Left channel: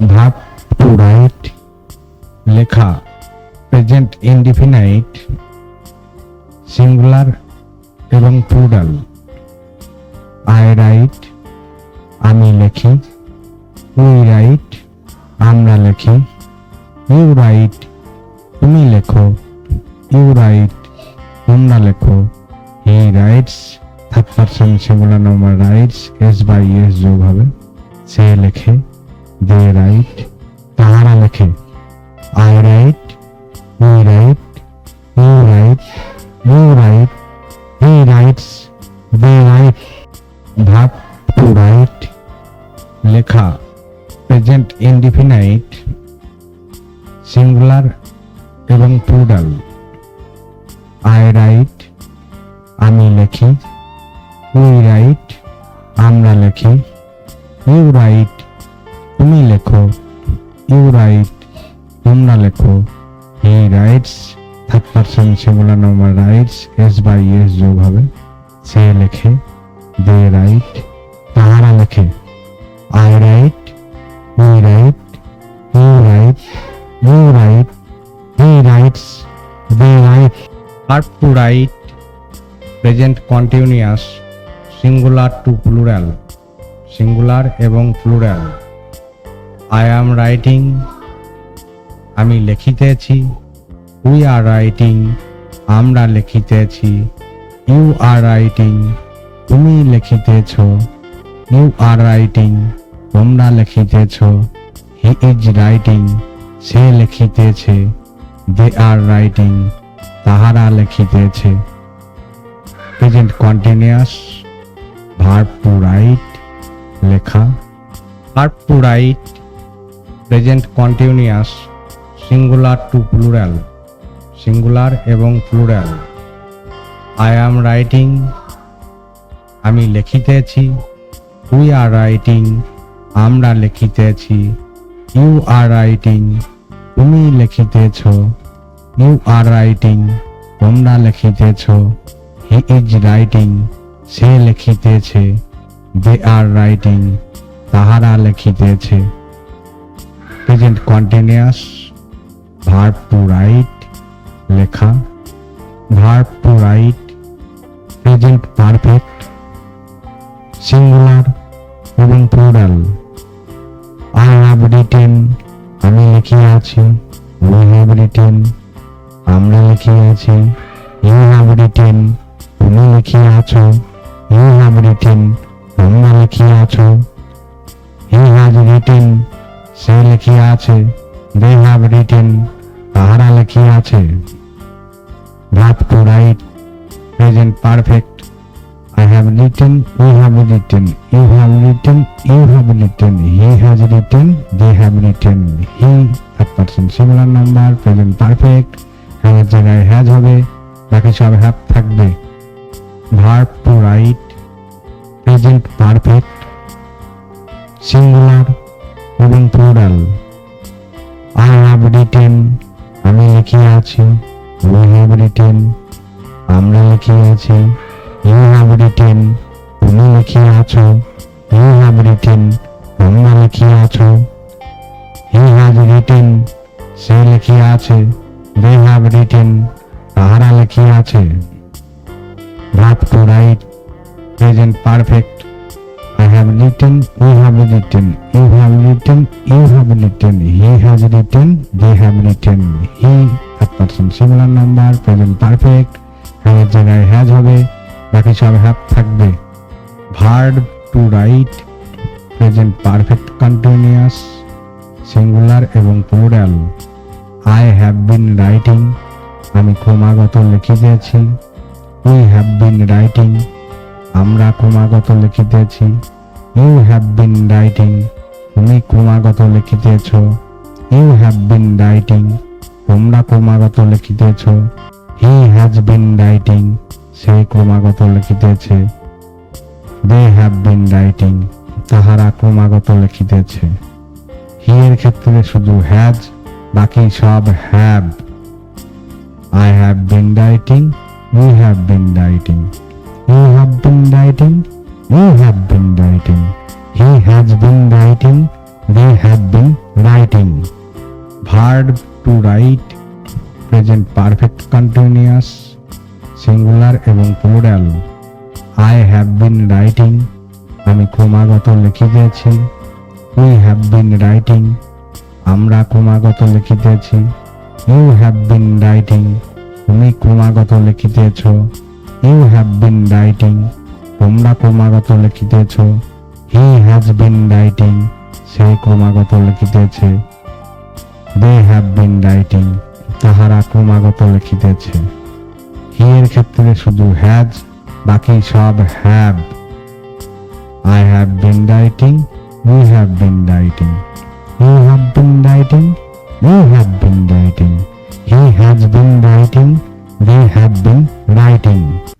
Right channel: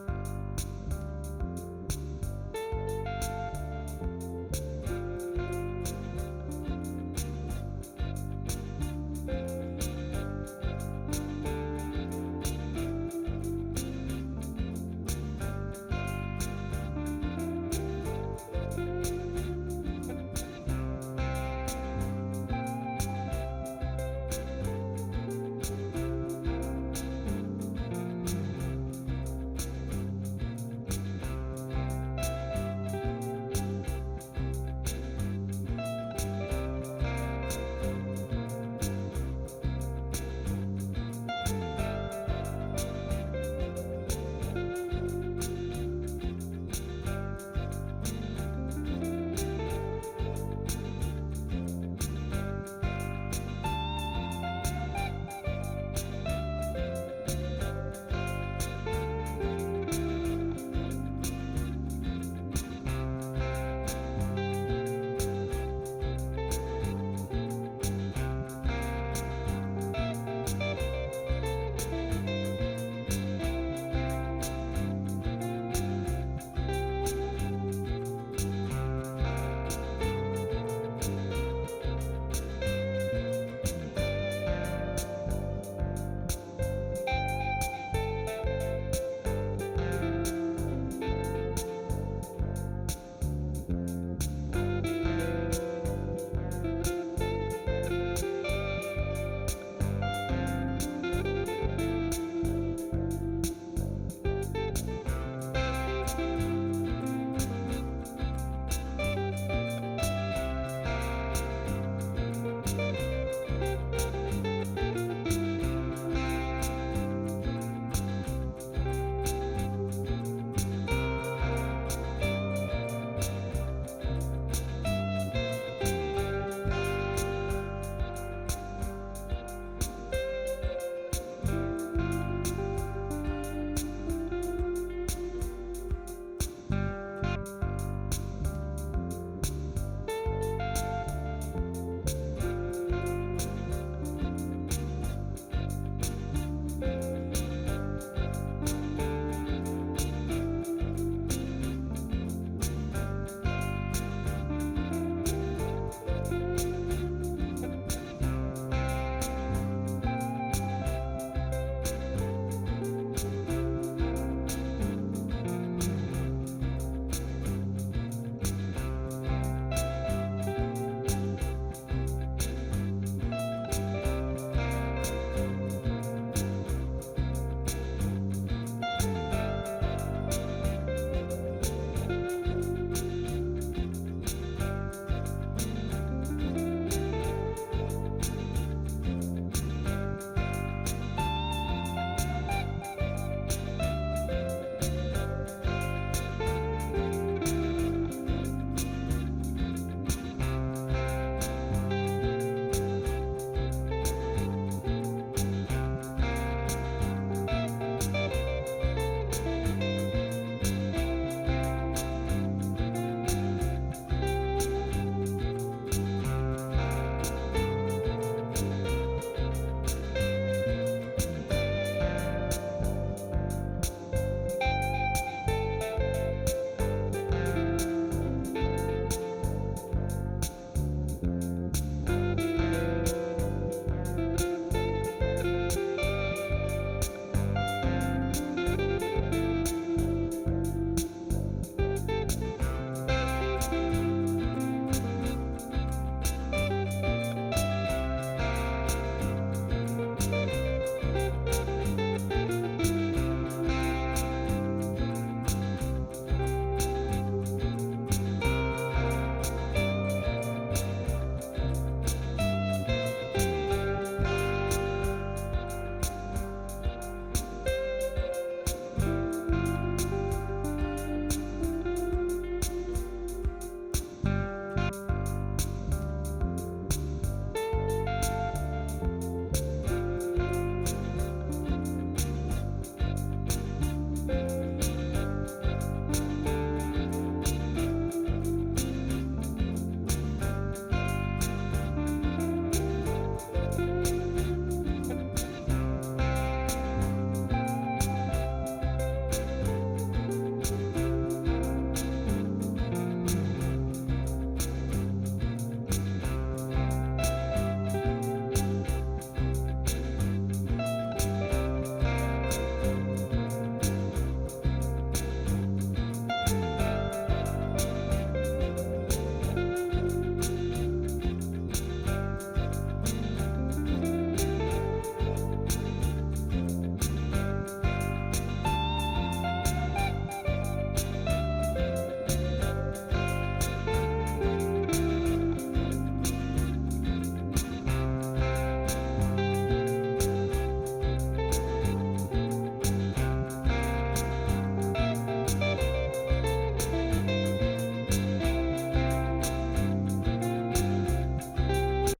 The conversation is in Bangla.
ভার্ব টু রাইট লেখা প্রেজেন্ট ইনডিফিনাইট সিঙ্গুলার এবং প্লুরাল। আই রাইট আমি লেখি, উই রাইট আমরা লেখি, ইউ রাইট তুমি লেখো, ইউ রাইট তোমরা লেখো, he writes third person singular number writes s by s যোগ হবে, সে লেখে, দে রাইট তাহারা লেখে, I write we write, you write you write, he writes they write. Verb to write লেখা প্রেজেন্ট ইনডিফিনাইট সিঙ্গুলার এবং প্লুরাল। আই রাইট আমি লেখি, উই রাইট আমরা লেখি, ইউ রাইট তুমি লেখো, ইউ রাইট তোমরা লেখো, he writes third person singular number writes s by s যোগ হবে, সে লেখে, দে রাইট তাহারা লেখে, I write we write, you write you write, he writes they write. Verb to write present continuous singular to plural, singular এবং প্লুরাল। আই অ্যাম রাইটিং আমি লিখিতেছি, উই আর রাইটিং আমরা লিখিতেছি, ইউ আর রাইটিং তুমি লিখিতেছ, ইউ আর রাইটিং তোমরা লিখিতেছ, হি ইজ রাইটিং সে লিখিতেছে, দে আর রাইটিং তাহারা লিখিতেছে। Present continuous verb to write লেখা verb to write present continuous singular to plural, singular এবং প্লুরাল। আই অ্যাম রাইটিং আমি লিখিতেছি, উই আর রাইটিং আমরা লিখিতেছি, ইউ আর রাইটিং তুমি লিখিতেছ, ইউ আর রাইটিং তোমরা লিখিতেছ, হি ইজ রাইটিং সে লিখিতেছে, দে আর রাইটিং তাহারা লিখিতেছে। Present continuous verb to write লেখা verb to write present perfect singular এবং প্লুরাল। আই হ্যাভ রিটেন আমি লিখিয়াছি, উই হ্যাভ রিটেন আমরা লিখিয়াছি, ইউ হ্যাভ রিটেন তুমি লিখিয়াছ, ইউ হ্যাভ রিটেন তোমরা লিখিয়াছ, হি হ্যাজ রিটেন সে লিখিয়াছে, দে হ্যাভ রিটেন তাহারা লিখিয়াছে। Verb to write present perfect I have written, we have written, you have written, you have written, he has written, they have written, he third person singular number present perfect হ্যাঁ জায়গায় হ্যাজ হবে, বাকি সব হ্যাভ থাকবে। Verb to write present perfect singular এবং প্লুরাল। I have written আমি লিখিয়াছি, we have written আমরা লিখিয়াছি, you have written তুমি লিখিয়াছ, you have written তোমরা লিখিয়াছ, he has written say লিখিয়াছে, they have written তাহারা লিখিয়াছে। Verb to write present perfect I have written, we have written, you have written, you have written, he has written, they have written, he third person singular number present perfect হ্যাঁ জায়গায় হ্যাজ হবে, বাকি সব হ্যাভ থাকবে। Verb to write present perfect continuous singular এবং plural. I have been writing আমি ক্রমাগত লিখিতেছি, উই হ্যাভ বিন রাইটিং আমরা ক্রমাগত লিখিতেছি, ইউ হ্যাভ বিন রাইটিং তুমি ক্রমাগত লিখিতেছ, ইউ হ্যাভ বিন রাইটিং তোমরা ক্রমাগত লিখিতেছ, হি হ্যাজ বিন রাইটিং সে ক্রমাগত লিখিতেছে, দে হ্যাভ বিন রাইটিং তাহারা ক্রমাগত লিখিতেছে। হি এর ক্ষেত্রে শুধু হ্যাজ, বাকি সব have. I have been writing, we have been writing, you have been writing, you have been writing, he has been writing they have been writing. Verb to write, present perfect continuous, singular এবং plural. I have been writing, আমি ক্রমাগত লিখিতেছি। We have been writing, আমরা ক্রমাগত লিখিতেছি। You have been writing, তুমি ক্রমাগত লিখিতেছ। You have been writing, তোমরা ক্রমাগত লিখিতেছ। He has been writing, সে ক্রমাগত লিখিতেছে। They have been writing, তাহারা ক্রমাগত লিখিতেছে। He এর ক্ষেত্রে শুধু has, বাকি সব have। I have been writing, we have been writing। You have been writing, they have been writing। He has been writing, they have been writing।